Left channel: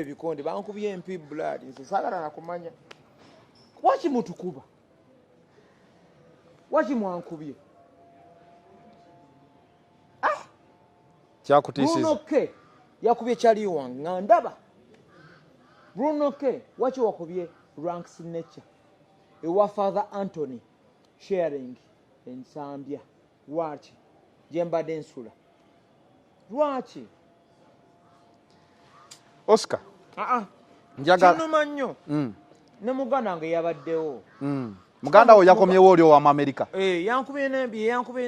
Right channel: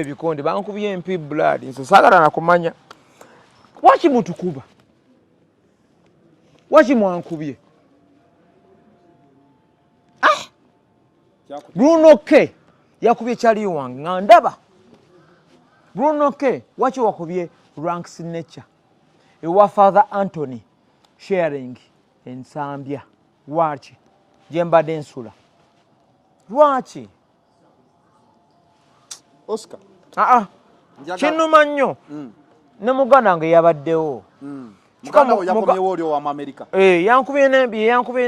Ebikonde bankubye MP blood nso sagala nakumanya waki mutukuba waki mwankubye Bruno K yakubye chali wange ngandaba Bruno K waki wakubye rank signature ewa Father Anthony sharing ensambya waki jemba densula waki Oscar kinuma nnyo ne muganda wange yabaddewo muganda wo yakomyewo oli wa America yankubye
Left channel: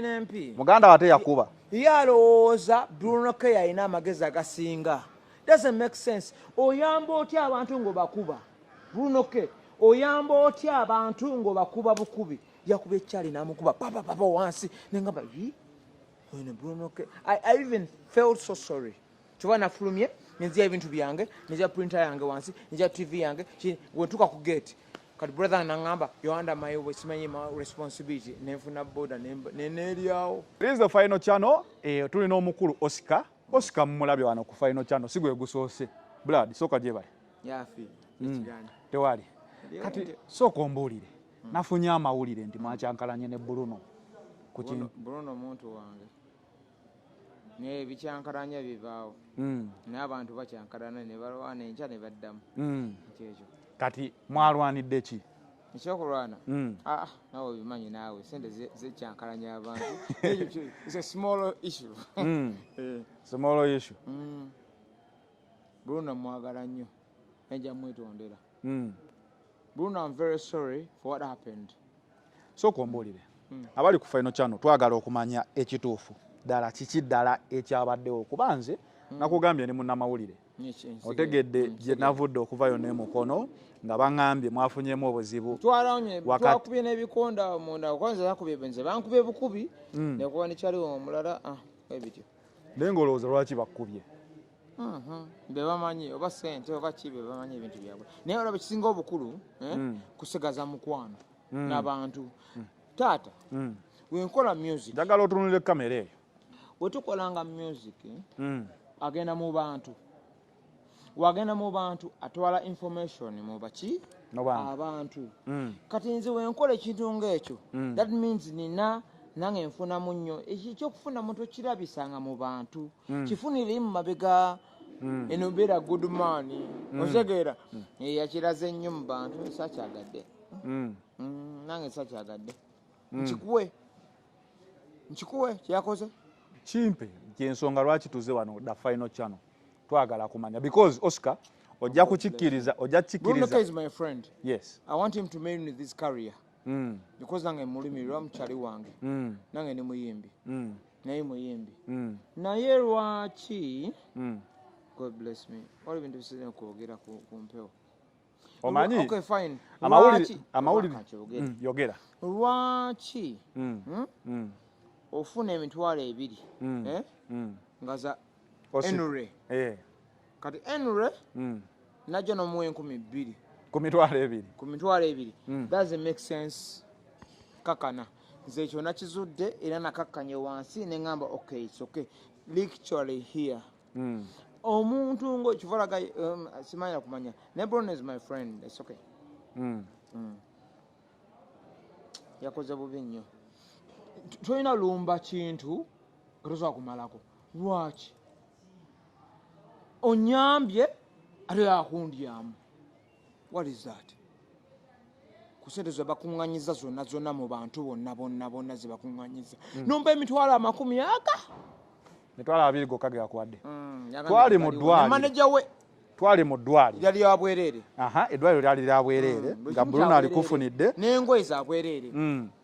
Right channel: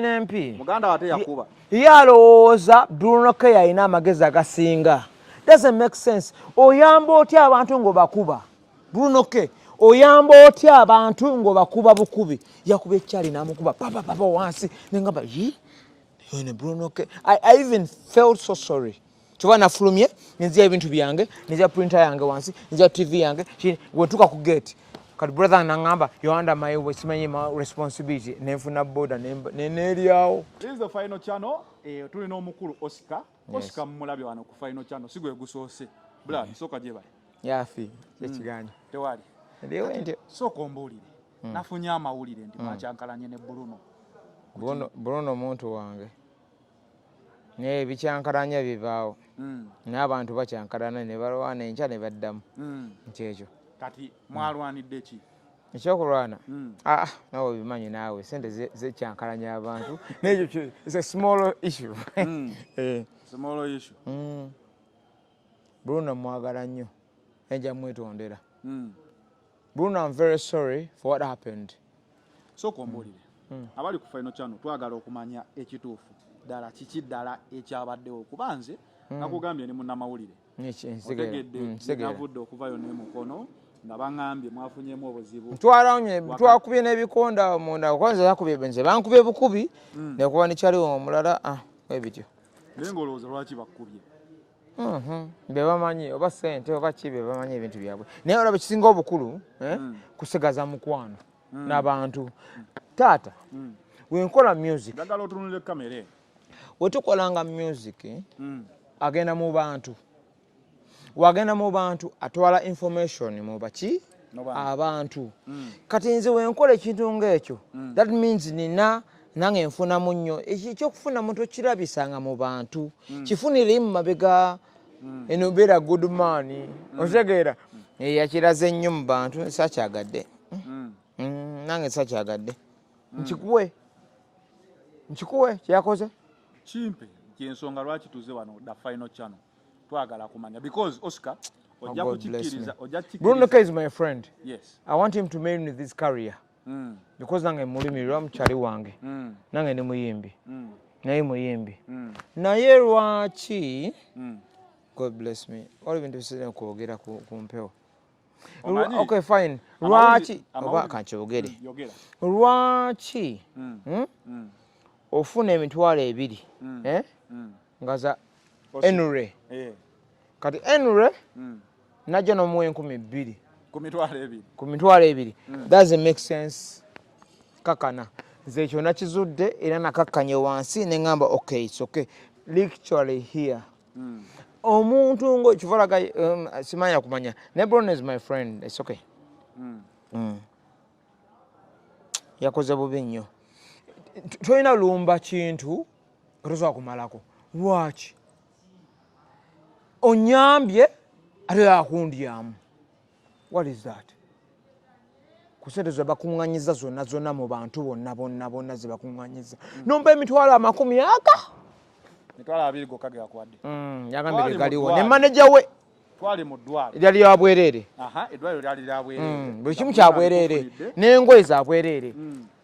n'empi muganda wate yakuba yalowooza Bruno K yalina amagezi agasinga doesn't make sense oyamba otya abantu ng'obakuba Bruno K oyamba otya abantu ng'obakuba bukubi yakuba ekyali n'amukuba papa wansi nengamba ne Bruno K I even felt so sorry Chova nafulumye nzia ebintu byange nzia printer yange wansi nzia TV yange wentuka ku gate kati brother nangamba you under my responsibility nefuna boda neneriawo. This is the final channel tulina omukulu Oscar Oscar mmulabye wano ku final channel sigwe gusoose blood soka jeba yafi ekigani tewali soko mbulire nafunya amawulire ndi mwacyankalanye ne Bruno muntu wange ne bicyankalanya bivaawo n'abantu bacyankalana ne balwana enkya ne baddamu kyekyo kati mwalwanidde ki ekyokulwana nawe bimanyi naawe sente zecyankalanya abantu ekyo it's a small issue small issue Bruno mwagala nnyo enja mwetondera Bruno I'm very sorry for what happened so kombulire abali ku final channel twagala okumanya ekituufu dala kiki dala ekyabaddewo kubanze nakugambye ne munnamawulire otegedde je navudde okuvayo ne mukono nga bangambye mwafunyemu obuzibu twakubye n'ebikonda munda kwanza yakubye benze bankubye bukubi nekuba nekyaliwo omulala ebityo nengolooza lwaki bakkubye be bamanyi oba sente oba kibe bamanyi ebintu byabwe naye olaba kisinga obukulu kusigaza mukwano n'abantu taata wenkola music njagala otunulire kamera wetukolanga music agenda mu bantu wagenda mu bantu atwala information mu baki abantu kati nze wenkola ekintu ng'ekyo that means nina nange nfunamu nnyo ekyokufuna muntu kirabisanga mu bantu kifunire mu mabega eno beera good man otegeera yakiraze nnyo mu bantu sakyagadde nange sakyagadde nkikuwe kyakoze kimpe kyensonga lwaki tuze wano da final channel twagala kumanya because Oscar ojja kukikkiriza Bruno K is my friend. Yes. I want him to marry with this career because nange mulimirwa mukyali wange nange ne muyimbi naye muyimbi naye lwaki God bless me all ebintu bisere kwogera ku mpewo okay fine lwaki amawulire yogera lwaki ofuna emitwalo ebiri ngaza enure kati enure najja nomuwa 2,000 ku mitwalo ebiri doesn't make sense kakana nze ekyo nakizudde era nakakkanye wansi neŋŋamba okay it's okay literally here omuntu ng'ekivalaga simanya kumanya ne Bruno is my friend it's okay yakoze bubi nnyo tolina lumba kintu otosobola kumalako lwaki onyambye ate akundyamu what is that kusente zebakuŋŋanyiza zonna mu bantu bonna zebakuŋŋanyiza nomba emitwalo 20 mitwalo 2 gokka gekwadde ne manager we twali mu ddwaliro lyali lya bwereere eddwaliro lyali lya bwereere buli kimu kya bwereere n'engoye za bwereere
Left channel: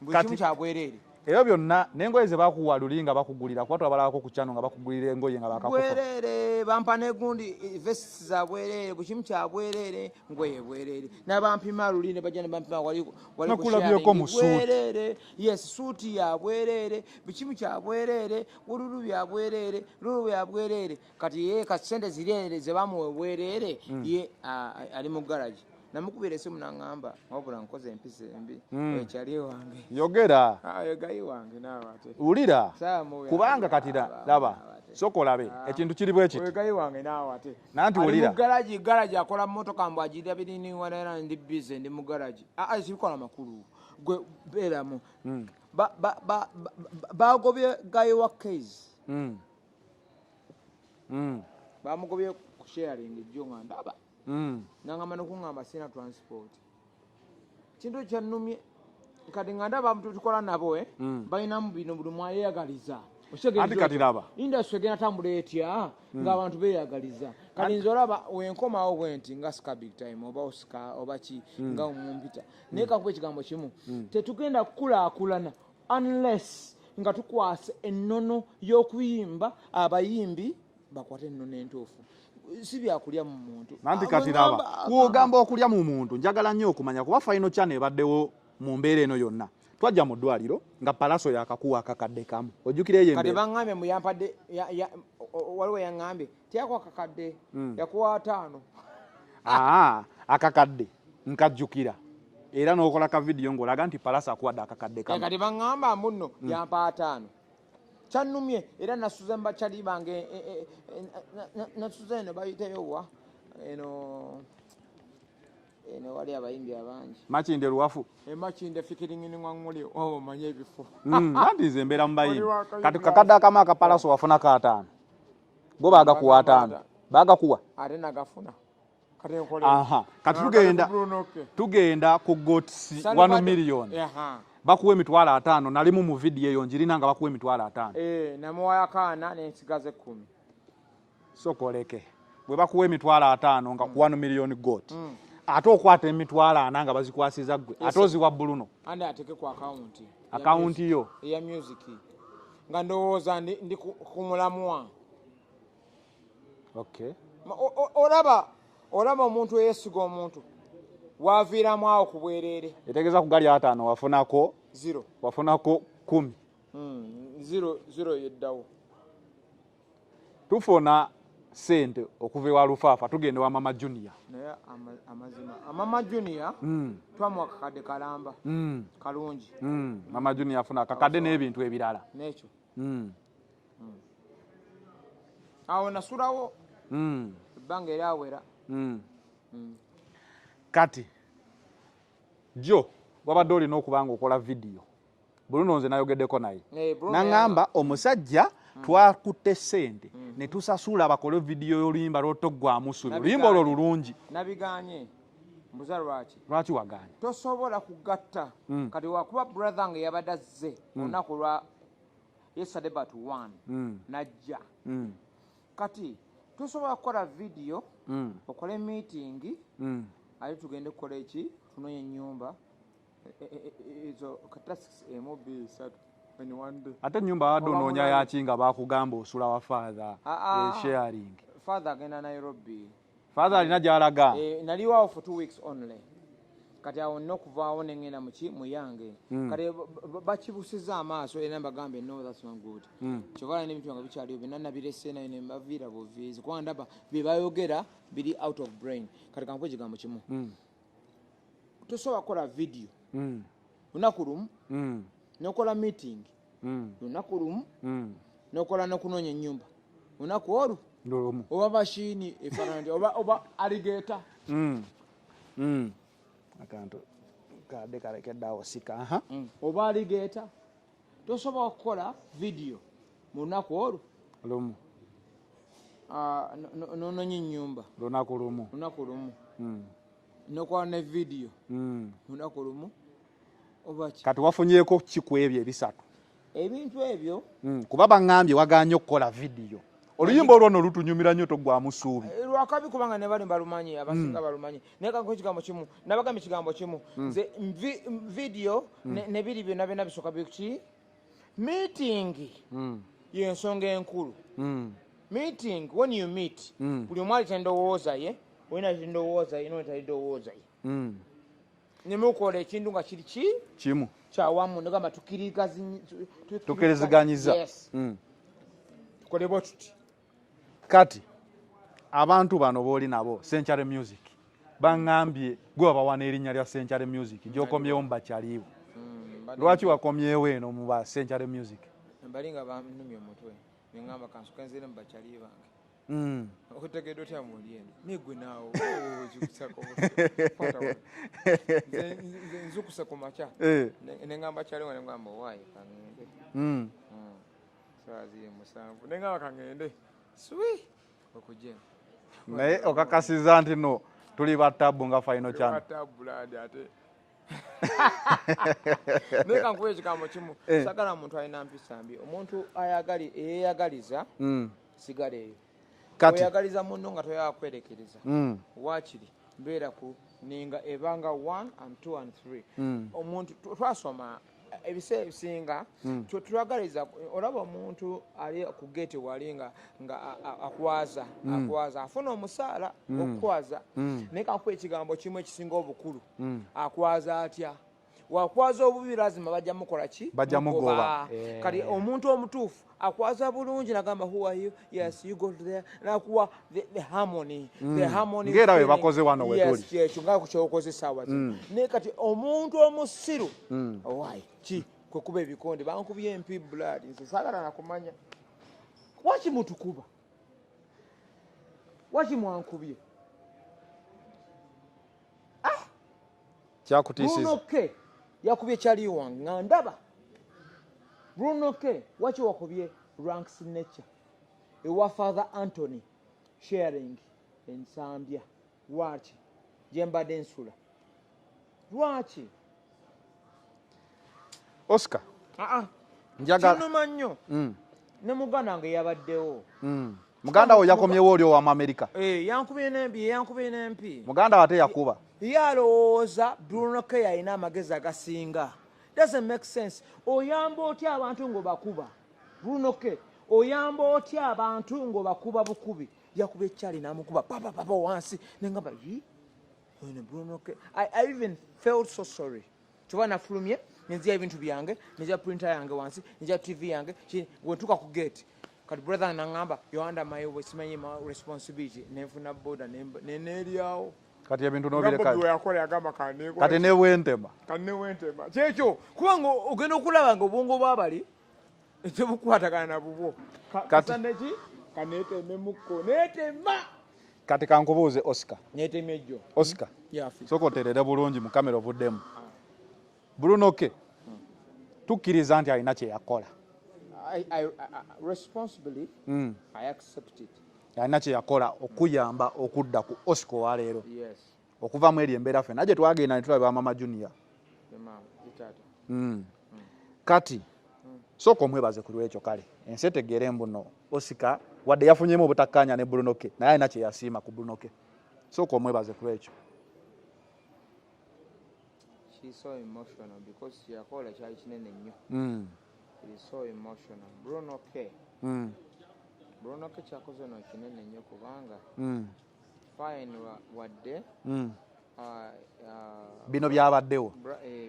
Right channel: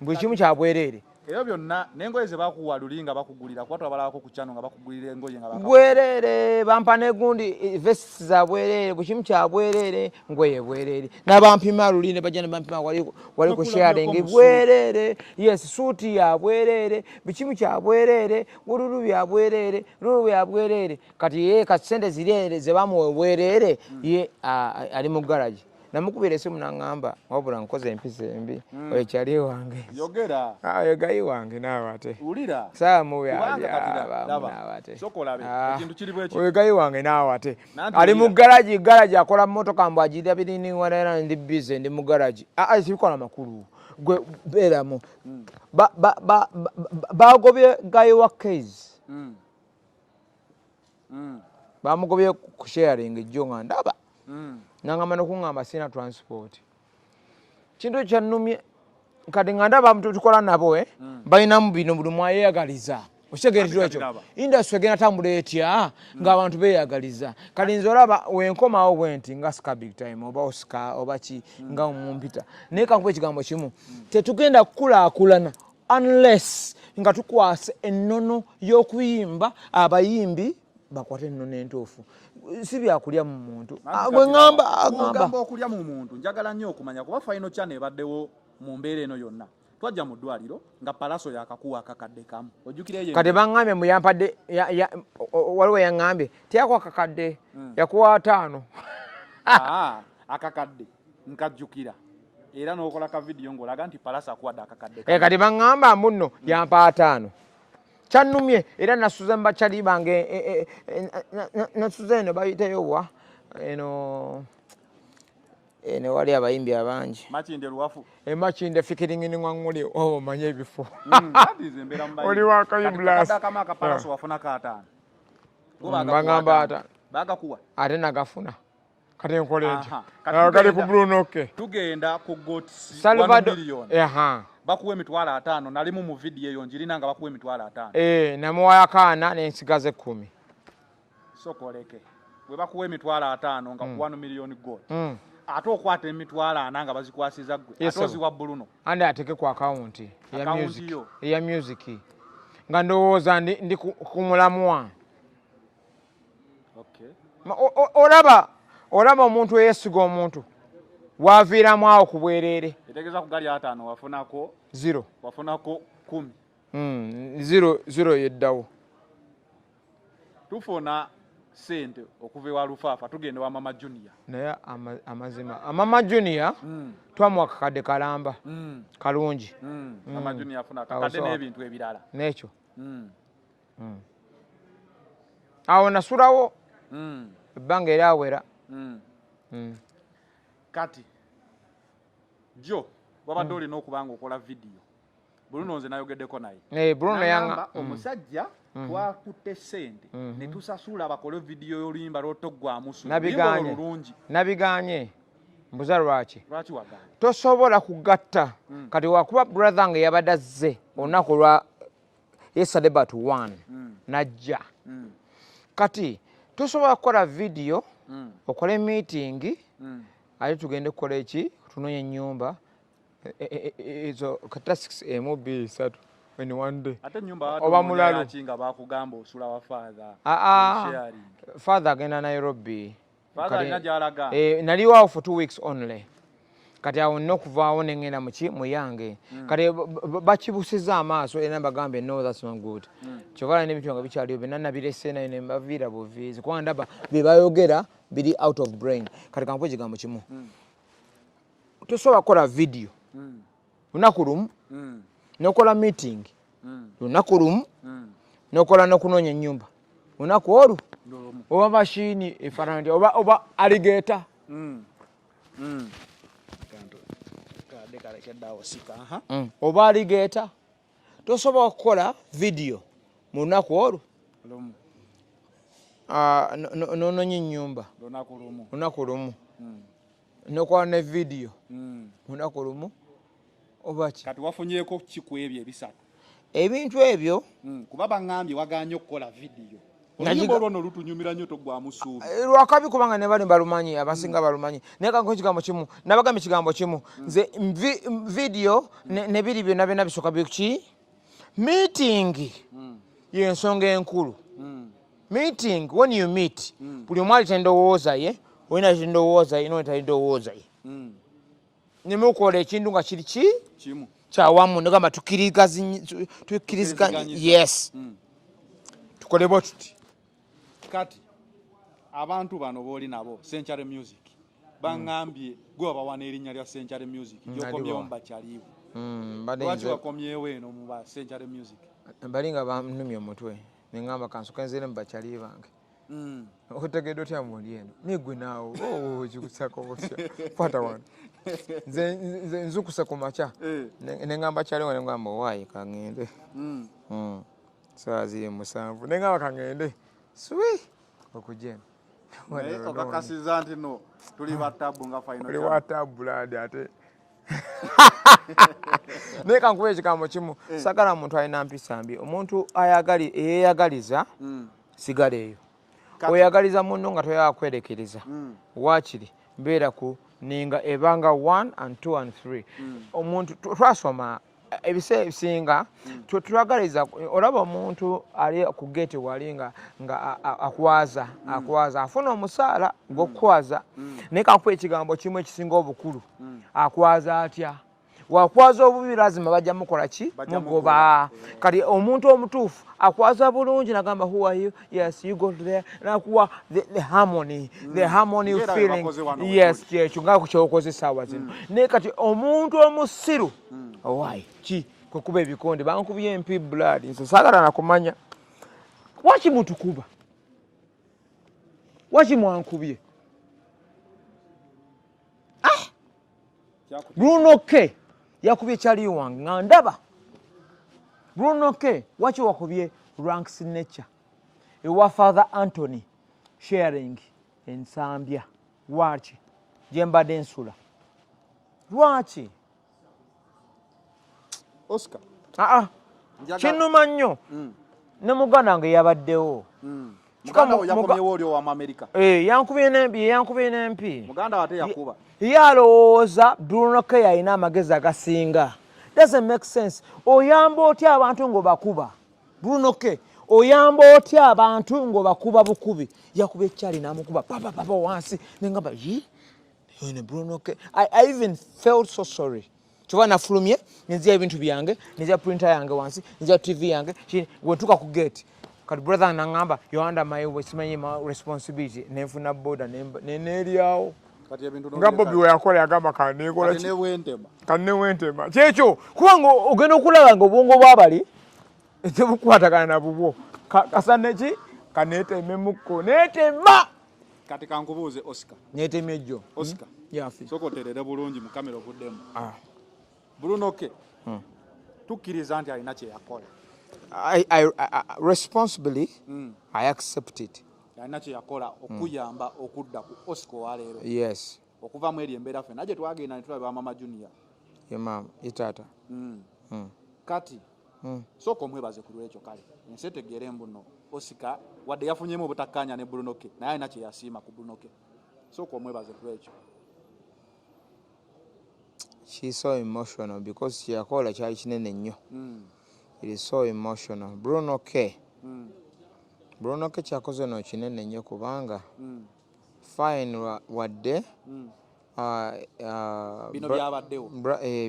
buli kimu kya bwereere era byonna n'engoye ze bakuwa luli nga bakugulira kuba twabalako ku channel nga bakugulira engoye nga bakakuwa bwereere bampa n'egundi vests za bwereere buli kimu kya bwereere ngoye bwereere n'abampima luli ne bajja ne bampima wali ku sharing bwereere yes suuti ya bwereere buli kimu kya bwereere bululu bya bwereere lulu bya bwereere kati ye kasente zirere ze bamuwe bwereere ye ali mu garage namukubira esimu nangamba wabula nkoze empisa embi oyekyali wange yogera yogayi wange naawe ate ulira kubanga katira laba sokolabe ekintu kiri bweki oyegayi wange naawe ate ali mu garaji akola mmotoka mbu agirira biriniwanera ndi bize ndi mu garaji sibikola makulu gwe beeramu bagobye gayi wa case bamugobye ku sharing ejjo nga ndaba nangamba nokuŋŋamba sina transport kintu kyannumye kati nga ndaba tukola nabo balinamu bino buli mwayeyagaliza okitegekyo industry egenda tambula etya ng'abantu beeyagaliza kati nze olaba wenkomawo bwenti nga ska big time oba oscar oba ki nga mumpita naye kankuba ekigambo kimu tetugenda kukulaakulana unless nga tukwase ennono y'okuyimba abayimbi bakwate ennono entuufu si byakulya mu muntu ogamba okulya mu muntu njagala nnyo okumanya kuba Final Channel ebaddewo mu mbeera eno yonna twajja mu ddwaliro nga palaso yakakuwa akakadde kamu ojjukire kati baŋŋambye muyampadde waliwo yaŋŋambye teyakwa akakadde yakuwa 5 akakadde nkajjukira era n'okola ka vidiyo ng'olaga nti palaso akuwadde akakadde kati baŋŋamba mbuno yampa 5 kyannumye era nasuze mubakyali bange nasuze eno bayiteyo wa eno wali abayimbi abangi makinde luwafu makinde fikiringini ngwanguli omanye ebifo nze mbeera mubayimbi akamu akapalaso wafuna ka 5 go bagakuwa 5 bagakuwa ate nagafuna kati nkoleeki tugenda ku gots 1 million bakuwa emitwalo 5 nalimu mu vidiyo eyo njirina nga bakuwa emitwalo 5 namuwayo akaana nensigaze 10 sokoleke bwe bakuwa emitwalo 5 nga ku 1 million got ate okwata emitwalo 4 nga bazikwasiza gwe ate oziwa Bruno andi ateke ku akawunti yo eya music nga ndowooza ndi ku mulamwa olaba omuntu eyesiga omuntu waviiramu awo ku bwereere etegeeza ku gali 5 wafunako 0 wafunako 10 0 yeddawo tufuna sente okuva ewa Lufaafa tugenda wa Mama Junior naye amazima Mama Junior twamuwa akakadde kalamba kalungi Mama Junior afuna akakadde n'ebintu ebirala n'ekyo awo nasulawo ebbanga eryawera kati jo wabadde olina okubanga okola vidiyo Bruno nze nayogeddeko naye nagamba omusajja twakutte sente ne tusasula bakole vidiyo y'oluyimba lw'otoggwamu oluyimba olwo lulungi nabiganye mbuza lwaki waganye tosobola kugatta kati wakuba brother nga yabadde azze olunaku lwa yesterday but 1 najja kati tosobola kukola vidiyo okole meeting ate tugende kukola eki tunonye ennyumba ezo kata 6 MB 3 when one day ate nyumba wadomonya yakinga bakugamba osula wa sharing father agenda Nairobi father alina gyalaga naliwo for 2 weeks only kati awo nina okuvaawo nengenda muyange kati bakibusiza amaaso era bagambe no that's not good kyokala n'ebintu nga bikyaliwo byonna nabirese naye ne mbaviira buviizi kuba ndaba bye bayogera biri out of brain kati kankuwa ekigambo kimu tosobola kukola vidiyo lunaku lumu nokola meeting lunaku lumu nokola nokunoonya ennyumba lunaku olwo oba mashini efaanana oba alligator oba alligator tosobola kukola vidiyo mu lunaku olwo nononya ennyumba lunaku lumu nokola ne vidiyo lunaku lumu obaki kati wafunyeko kiku ebyo ebisatu ebintu ebyo kuba baŋŋambye waganye okukola vidiyo oluyimba olwono lutunyumira nnyo toggwamu ssuubi lwakabi kubanga ne bali balumanyi abasinga balumanyi naye kanko ekigambo kimu nabagamba ekigambo kimu nze vidiyo ne biri byonna byonna bisooka biki meeting yensonga enkulu meeting when you meet buli omu alita endowooza ye olina endowooza ye nolita endowooza ye nemukola ekintu nga kiri kimu kyawamu negamba tukiriziganya yes tukole bwe tuti kati abantu bano booli nabo Century Music bangambye gwe bawana erinnya lya Century Music gyokomyewo mu bakyaliwo lwaki wakomyewo eno mu ba Century Music balinga banumye omutwe nengamba kansoka nzire mu bakyali bange okutegeddwa otya muli eno nigwe naawo kikusako butya kwata wano nze nzukuse ku makya nengamba kyaliwo nengamba owaayi kaŋŋende saa ziri 7 nengamba kaŋŋende swi okujja naye okakasiza nti no tuli batabu nga final tuli batabu ladi ate naye kankuba ekigambo kimu sagala muntu alina mpisa mbi omuntu eyeyagaliza sigala eyo oyagaliza munno nga toyagala kwerekereza waakiri mbeera ku ninga ebanga 1 and 2 and 3 omuntu twasoma ebiseera ebisinga twagaliza olaba omuntu ali ku geti wali nga akwaza afuna omusaala gw'okukwaza naye kankuba ekigambo kimu ekisinga obukulu akwaza atya wakwaza obubi lazima bajja mukola ki mugoba kati omuntu omutuufu akwaza bulungi nagamba who are you yes you go there nakuwa the harmony feeling yes kyekyo nga kukyokoze essaawa zino naye kati omuntu omusiru owaayi ki kukuba ebikonde bankubye empi blood nze saagala nakumanya waki mutukuba waki mwankubye Bruno K yakubye kyali wange nga ndaba Bruno K waki wakubye rank signature ewa Father Anthony sharing ensambya waki jembadde nsula lwaki Oscar kinuma nnyo ne muganda wange yabaddewo muganda wo yakomyewo oli owa America yankubye n'empi muganda wate yakuba yalowooza Bruno K yalina amagezi agasinga doesn't make sense oyamba otya abantu ng'obakuba Bruno K oyamba otya abantu ng'obakuba bukubi yakuba ekyali n'amukuba papa wansi nengamba ne Bruno K I even felt so sorry kyova nafulumye nenzia ebintu byange nenzia printer yange wansi nenzia TV yange wentuka ku gate kati brother nangamba you're under my responsibility nenfuna boda neneryawo kati ebintu ngabo biwe yakola yagamba kanekola kati newentema kyekyo kubanga ogenda okulaba nga obwongo bwabali tebukwatagana na bubwo kasaneki kanetememukko netema kati kankubuuze Oscar netemejjo Oscar sokoterere bulungi mu kamera obuddemu Bruno K tukkiriza nti alina kye yakola I responsibly I accept it alina kye yakola okuyamba okudda ku Oscar wa leero yes okuva mu eri embeera ffe naje twagenda ne tulaba Mama Junior itata kati sooka omwebaze ku lwekyo kale ensi etegeere mbuno Oscar wadde yafunyemu obutakkaanya ne Bruno K naye alina kye yasiima ku Bruno K sooka omwebaze ku lwekyo she's so emotional because kyeyakola kyali kinene nnyo it is so emotional Bruno K kyakoze no kinene nnyo kubanga fine wadde bino byabaddewo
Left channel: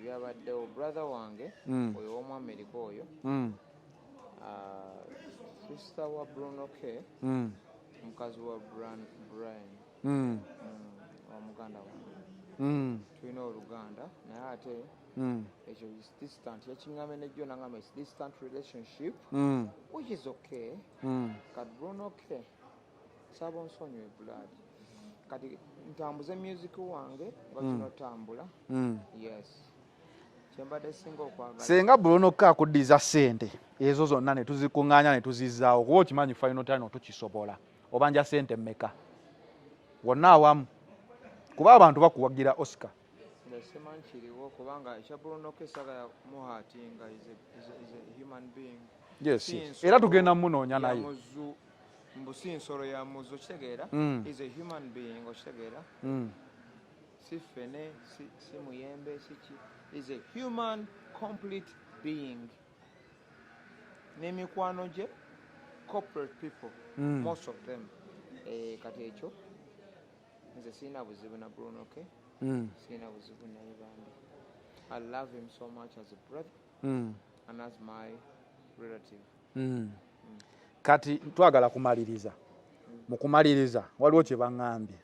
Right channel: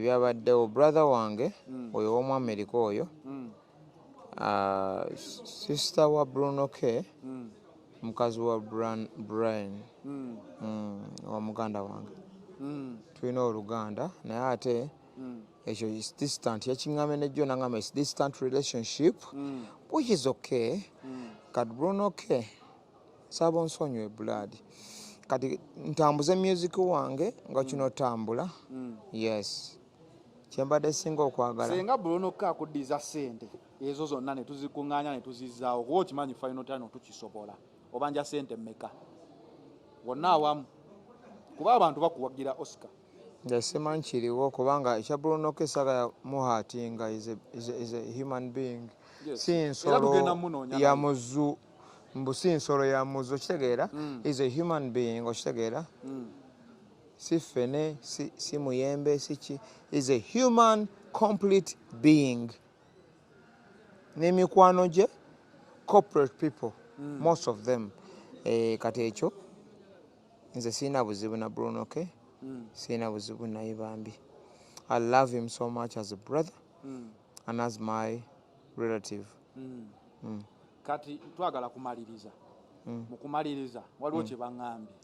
byabaddewo brother wange oyo w'omu America oyo sister wa Bruno K mukazi wa Brian wa muganda wange tulina oluganda naye ate ekyo is distant yakiŋŋamye nejjo nangamba is distant relationship which is okay kati Bruno K saba onsonyiwe blood kati ntambuze music wange nga kino tambula yes kyembadde singa okwagala senga Bruno K akuddiza ssente ezo zonna ne tuzikuŋŋaanya ne tuzizzaawo kuba okimanyi final time tukisobola obanja ssente mmeka wonna awamu kuba abantu bakuwagira Oscar simanyi kiriwo kubanga ekya Bruno K saga muhatinga is a human being era tugenda munoonya ya muzu mbusi nsolo ya muzu okitegeera is a human being okitegeera si fene si muyembe siki is a human complete being n'emikwano gye corporate people most of them kati ekyo nze sirina buzibu na Bruno K sirina buzibu naye bambi I love him so much as a brother and as my relative kati twagala kumaliriza mukumaliriza waliwo kye baŋŋambye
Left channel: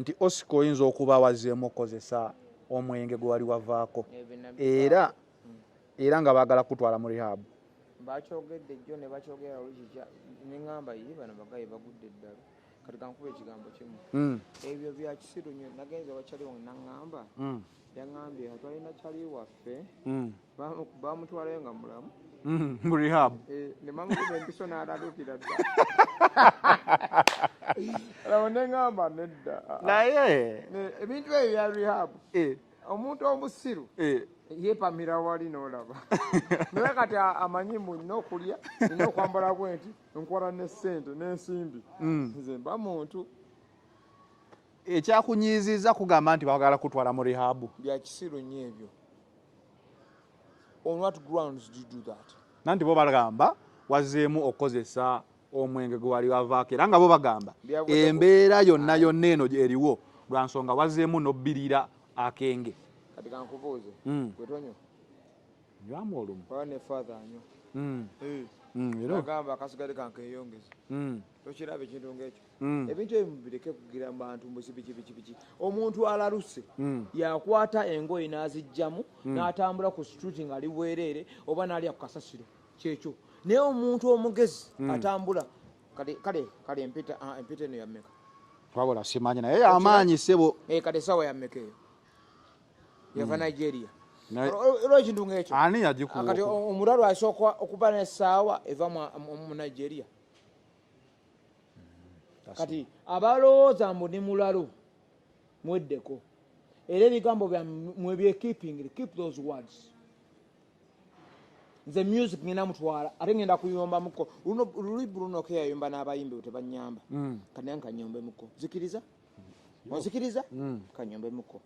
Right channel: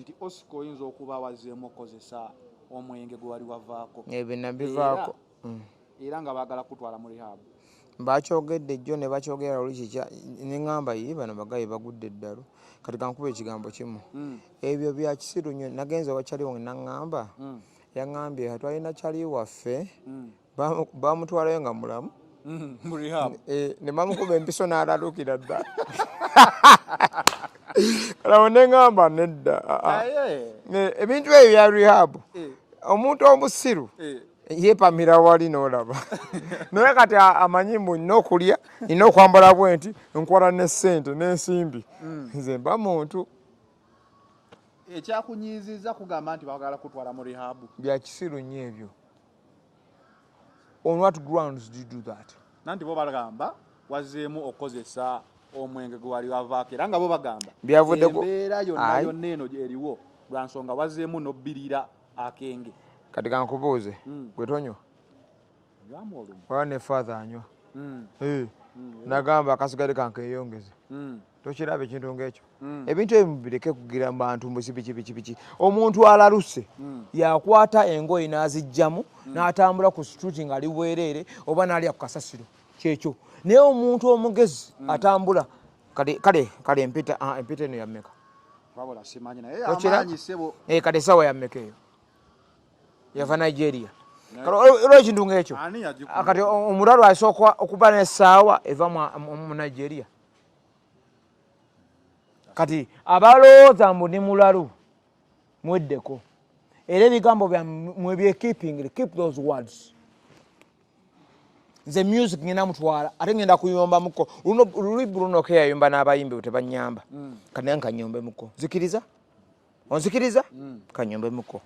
nti Oscar oyinza okuba wazeemu okozesa omwenge gwe wali wavaako era nga baagala kutwala mu rehab. Bakyogedde jjo ne bakyogera luli kikya ne ŋŋamba ye bano bagayi bagudde eddalo kati kankuba ekigambo kimu ebyo bya kisiru nnyo. Nagenze owa Kyali wange naŋŋamba yaŋŋambye twalina Kyali waffe bamutwalayo nga mulamu mu rehab ne bamukuba empiso n'alalukira ddala. Kalawo ne ŋŋamba nedda ebintu ebyo bya rehab omuntu omusiru yeepamira wali n'olaba naye kati amanyi mbu nina okulya nina okwambala bwenti nkola ne ssente n'ensimbi nze mba muntu. Ekyakunyiizizza kugamba nti baagala kutwala mu rehab bya kisiru nnyo ebyo. On what grounds do you do that? Nanti bo bagamba wazeemu okukozesa omwenge gwe wali wavaako era nga bo bagamba embeera yonna yonna eno eriwo lwa nsonga wazeemu n'obbirira akenge. Kati kankubuuze gwe tonywa wala ne father anywa nagamba akasigadde kankeeyongeze tokiraba ekintu ng'ekyo. Ebintu ebyo mubireke kugira mu bantu mbuzi biki. Omuntu alaluse yakwata engoye n'aziggyamu n'atambula ku street ng'ali bwereere oba n'alya ku kasasiro kyekyo. Naye omuntu omugezi atambula kale empita eno yammeka wabula simanyi naye amaanyi ssebo kale essaawa yammeka eyo yava Nigeria. Olwo ekintu ng'ekyo kati omulalu asooka okuba n'essaawa eva mu Nigeria. Kati abalowooza mbu ni mulalu mweddeko era ebigambo byammwe byekeeping, keep those words. Nze music ngenda mutwala ate ngenda kuyombamuko luli Bruno ke yayomba n'abayimbi tebanyamba kati naye nkanyombemuko. Nzikiriza onzikiriza kanyombemuko.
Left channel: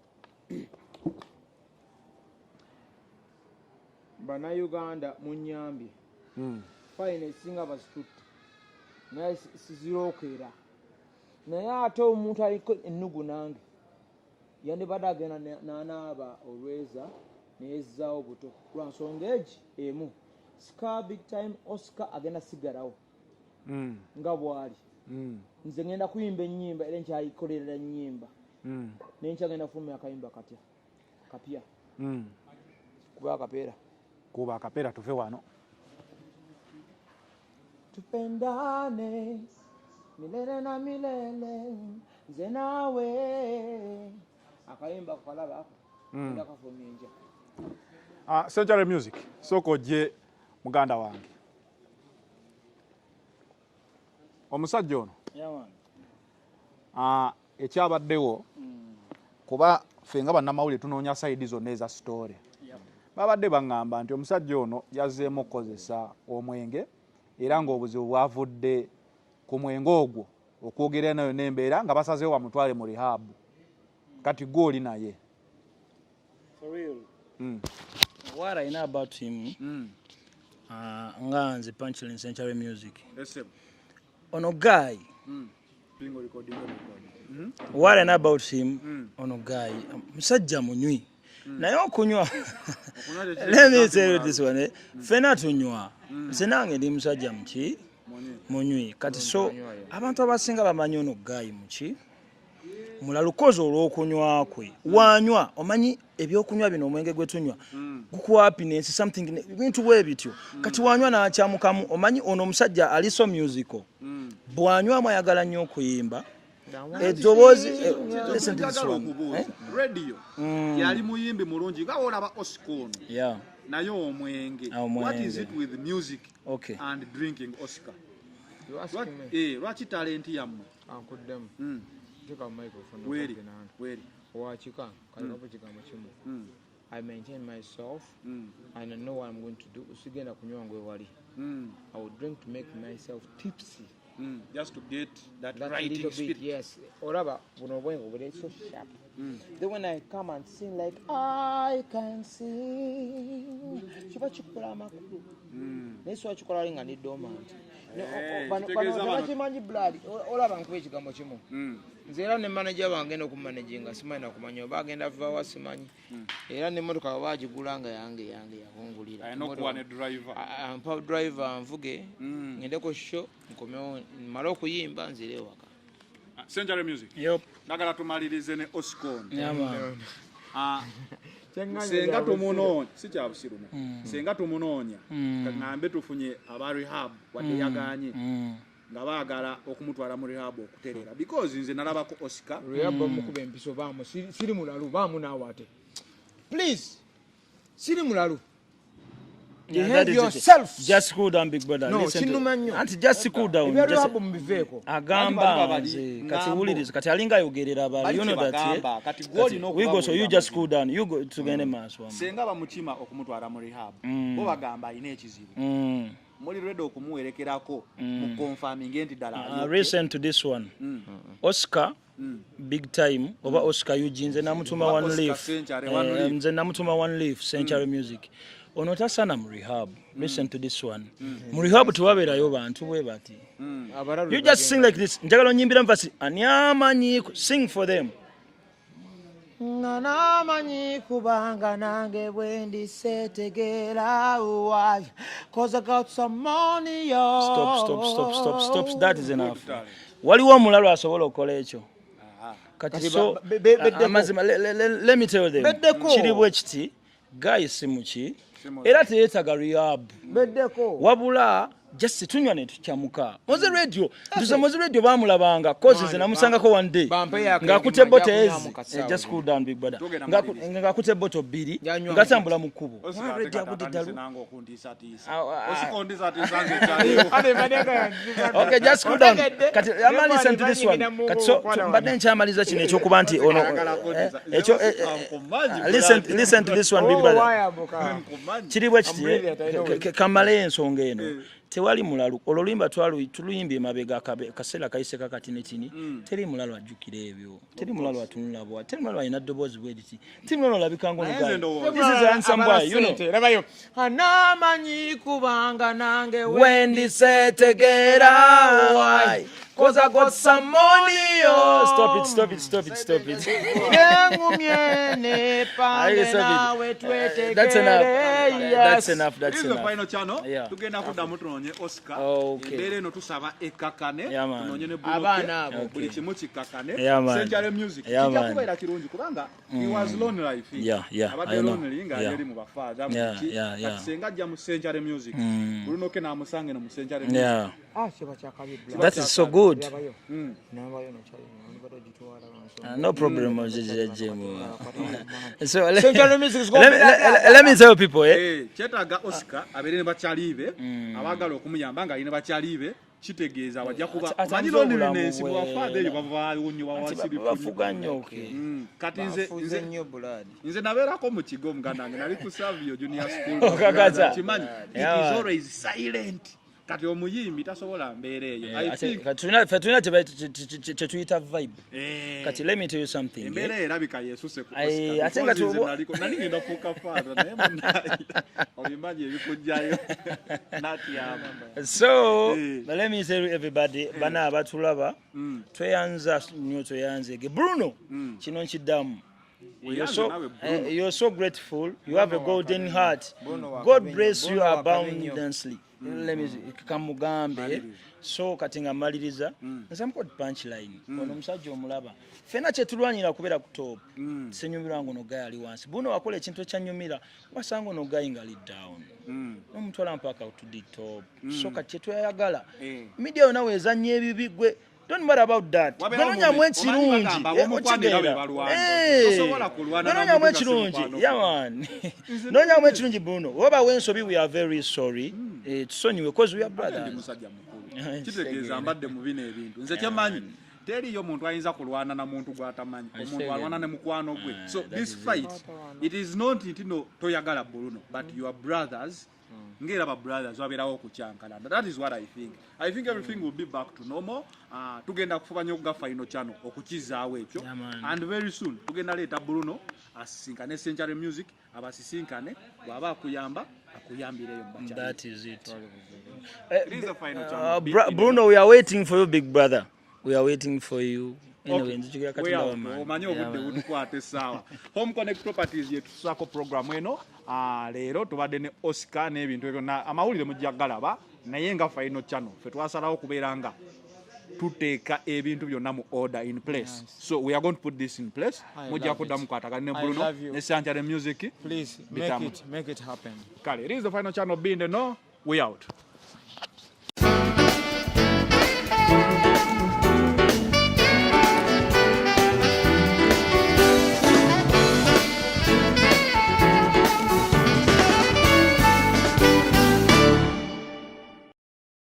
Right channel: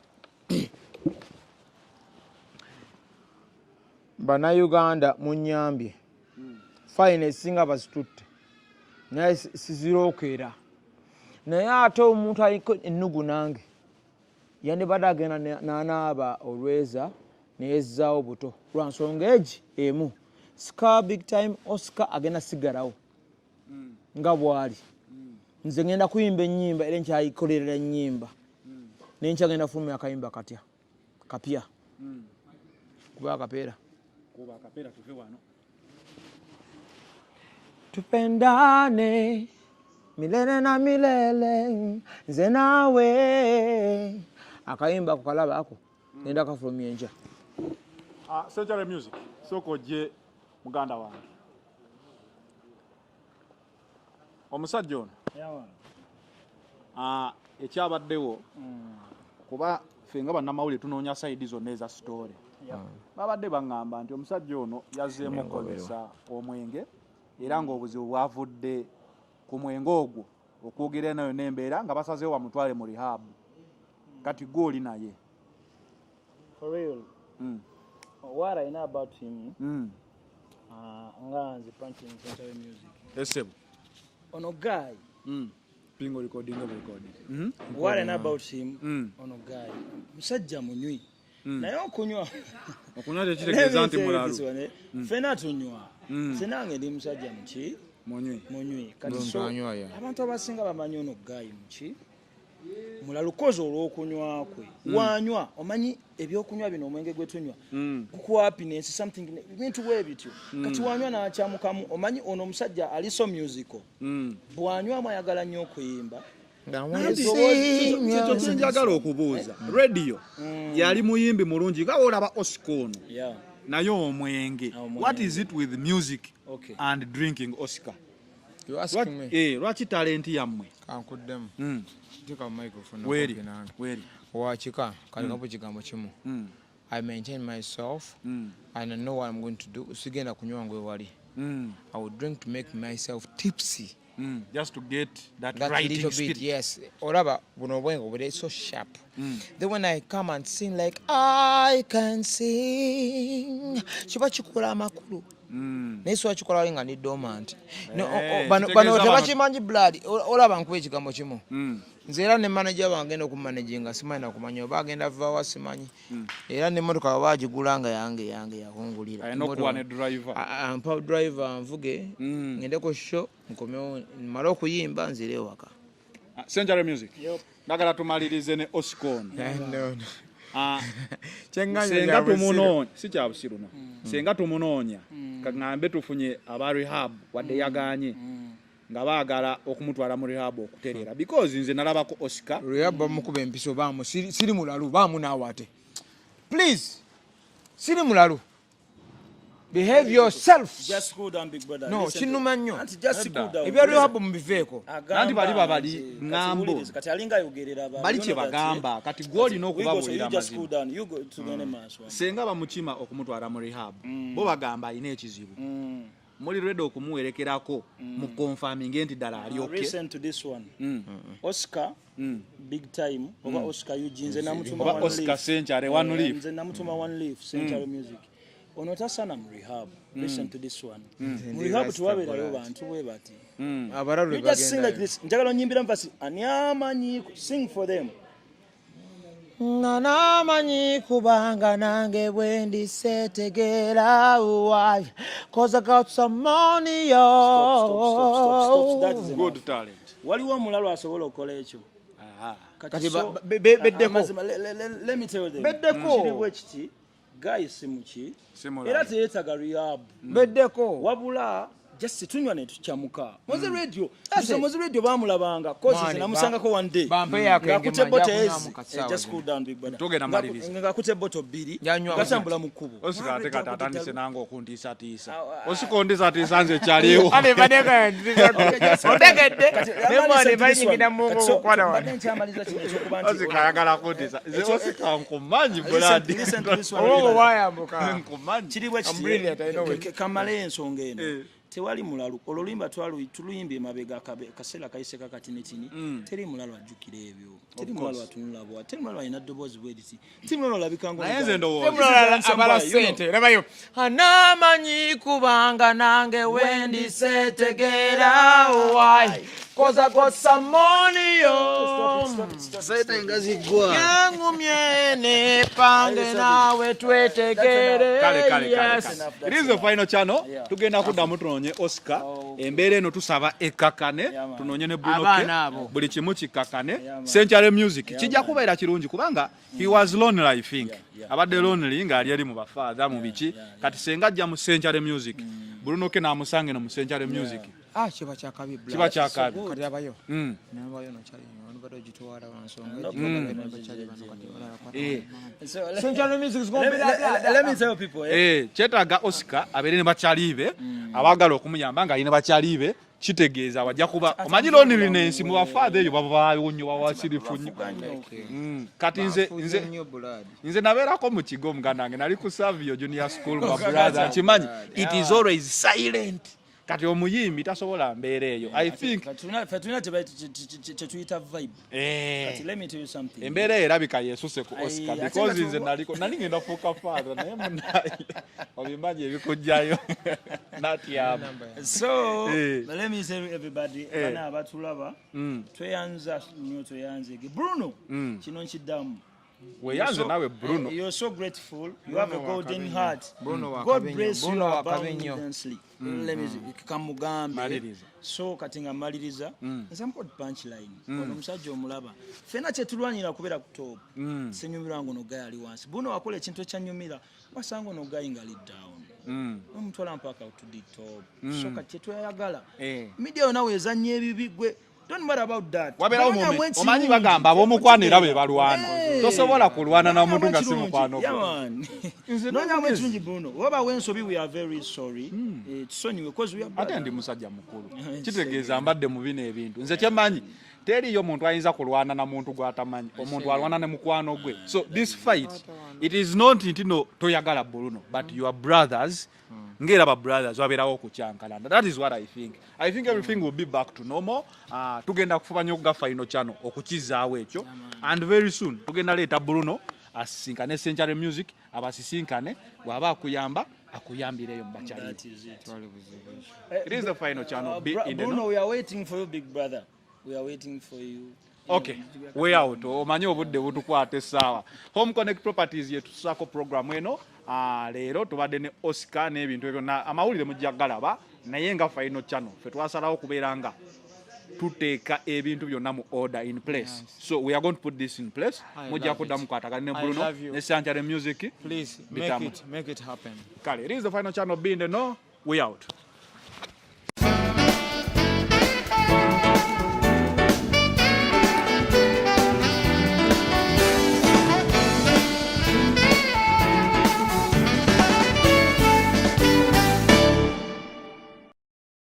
Bannayuganda munyambye fine esinga bazitutte naye sizirookera. Naye ate omuntu aliko ennugu nange yandibadde agenda n'anaaba olweza neyezzaawo buto lwa nsonga egi emu. Scar big time Oscar agenda sigalawo nga bw'ali. Nze ngenda kuyimba ennyimba era nkyayikolerera ennyimba naye nkyagenda kufulumya akayimba kapya kuba akapeera tuve wano. Tupendane milele na milele nze naawe akayimba kukalaba ako ngenda kafulumya enja. Central Music sooka ojje muganda wange omusajja ono ekyabaddewo kuba ffe nga bannamawulire tunoonya sayidi zonna eza sitoore babadde baŋŋamba nti omusajja ono yazzeemu okukozesa omwenge era ng'obuzibu bwavudde ku mwenge ogwo okwogera nayo n'embeera nga basazeewo bamutwale mu rehab. Kati gw'oli naye. What I know about him, Nganzi Punchline Century Music. Ono guy. Pingo recording. What I know about him, ono guy. Musajja munywi. Naye okunywa. Let me tell you this one. Fena tunywa. Senange ndi musajja muki. Munywi. Kati so abantu abasinga bamanyi ono guy muki. Mulalukozo olw'okunywa kwe wanywa omanyi ebyokunywa bino omwenge gwe tunywa gukuwa happiness something bintu we bityo kati wanywa n'akyamukamu omanyi ono omusajja ali so musical bwanywa mwayagala nnyo okuyimba njagala okubuuza radio yali muyimbi mulungi nga olaba Oscar ono naye omwenge what is it with music and drinking Oscar? Lwaki talenti yammwe ankuddemu Tika microphone. Where? Wachika, kalinapo kigambo kimu. I maintain myself and I know what I'm going to do. Usigenda kunywa ngwe wali. I will drink to make myself tipsy. Just to get that right little bit, yes. Olaba buno bwengo but it's so sharp. Then when I come and sing like I can sing. Chiba chikola makulu. Neso achikola linga ni dormant. No bano tebachimanyi blood. Olaba nkwe kigambo kimu. nze era ne manager wange no kumanaginga simanyi nakumanya oba agenda va wasimanyi era ne motoka bagigula nga yange yakungulira ampa driver anvuge ngende ku show nkomewo mala okuyimba nzire waka. Century Music nagala tumalirize ne Oscon senga tumunonya si kya busiruno senga tumunonya kati nambe tufunye aba rehab wadde yaganye nga baagala okumutwala mu rehab okuterera because nze nalaba ko Oscar rehab mukuba empiso baamu siri mulalu baamu naawate please siri mulalu. You held yourself. Just cool down, big brother. No, chinumanyo. Anti just cool down. Ibyo rehab mubiveko. Agamba kati alinga yogerera abali yono bagamba kati goli n'okuba so you just cool down. You go tugende maso. Senga bamukima okumutwala mu rehab. Bo bagamba ine ekizibu. Muri ready okumuwerekerako mu confirming enti dala. Recent to this one. Oscar big time oba Oscar Eugene namutuma one leaf. Nze namutuma one leaf Century Music. Onota sana mu rehab. Listen to this one. Mu rehab tuwaberayo bantu we bati. You just sing like this. Njagala nyimbira mpasi anyamanyi sing for them. Nanamanyi kubanga nange bwendi setegera why cause I got some money Stop. That is enough. Waliwo omulalo asobola okola ekyo. Kati so let me tell them. Kiri bwekiti guy simuki era teyetaga rehab beddeko wabula just tunywa ne tukyamuka moze radio tusomoze radio bamulabanga cause ze namusangako one day ngakute bote just cool down big brother ngakute bote biri ngatambula mu kubo osikategatatandise nango okundisa tisa osikondisa tisa nze kyaliwo ane baneka okay just cool down kati amani banyigina mu badde nkyamaliza kino ekyokuba nti ono ekyo listen to this one big brother kiri bwe kamale ensonga eno tewali mulalu ololimba tuluyimbye mabega kasera kayise kakati netini teri mulalu ajukira ebyo teri mulalu atunula bwa teri mulalu ayina dobozi bwediti teri mulalu labikango sente rabayo anamanyi kubanga nange wendi setegera why cause I got some money stop it yangumyene pange nawe twetegere that's enough this is the final channel tugenda kudamu tunonye Oscar embere eno tusaba ekakane tunonye ne BRUNO buli kimu kikakane Century Music kijja kubeera kirungi kubanga he was lonely I think abadde lonely nga ali mu bafather mu biki kati senga ajja mu Century Music BRUNO ke namusange no mu Century Music chiba chakabi that is so good nabayo no chali bado jitwala no problem so Century Music is going let me tell people chetaga Oscar abere ne bachalibe abagala okumuyamba nga yine bachalibe kitegeeza wajja kuba omanyi loneliness mu bafather eyo baba onyo wawakirifunyi kati nze nabeerako mu kigo muganda wange nali ku Savio Junior School kimanyi it is always silent kati omuyimbi tasobola mbeera eyo I think fatuna tetuyita vibe kati let me tell you something embeera erabika yesuse ku Oscar because nze nali ngenda fuuka father naye olimbaji ebikojjayo natiyama so let me tell everybody bana abatulaba tweyanza nnyo tweyanzege BRUNO kino nkiddamu you're so grateful you have a golden heart God bless you abundantly let me kamugambe so katinga maliriza some good punchline ono musajja omulaba fena kyetulwanyira kubeera ku top senyumirwa ngo no guy ali wansi BRUNO wakola ekintu ekyanyumira basango no guy ngali down nomutwala mpaka to the top so kati kyetwayagala media nawe ezanye ebibigwe don't worry about that omanyi bagamba ab'omukwanira be balwana tosobola kulwana na muntu nga simukwano nonya mwe kirungi BRUNO waba wensobi we are very sorry tusonyiwe because we are bad ndi musajja mukulu kitegeeza mbadde mu bino ebintu nze kyemanyi teriyo muntu ayinza kulwana na muntu gwatamanyi omuntu alwana ne mukwano gwe so this fight it is not intino toyagala BRUNO but your brothers ngera ba brothers waberawo kucyankalana that is what I think everything will be back to normal tugenda kufanya okuga final channel okukizaawo ekyo and very soon tugenda leta BRUNO asinkane Century Music abasisinkane bwaba akuyamba akuyambireyo mbachana that is it it is the final channel BRUNO we are waiting for you big brother we are waiting for you Okay, we out. Omanyi obudde butukwata essaawa. Home Connect Properties yetusaako program eno. Leero tubadde ne Oscar n'ebintu ebyo amawulire mujja galaba naye nga final channel ffe twasalawo kubeera nga tuteeka ebintu byonna mu order in place. So we are going to put this in place. Mujja kuddamu kwatagana ne Bruno ne Sante Music. Please make it happen. Kale, it is the final channel being the no. We out.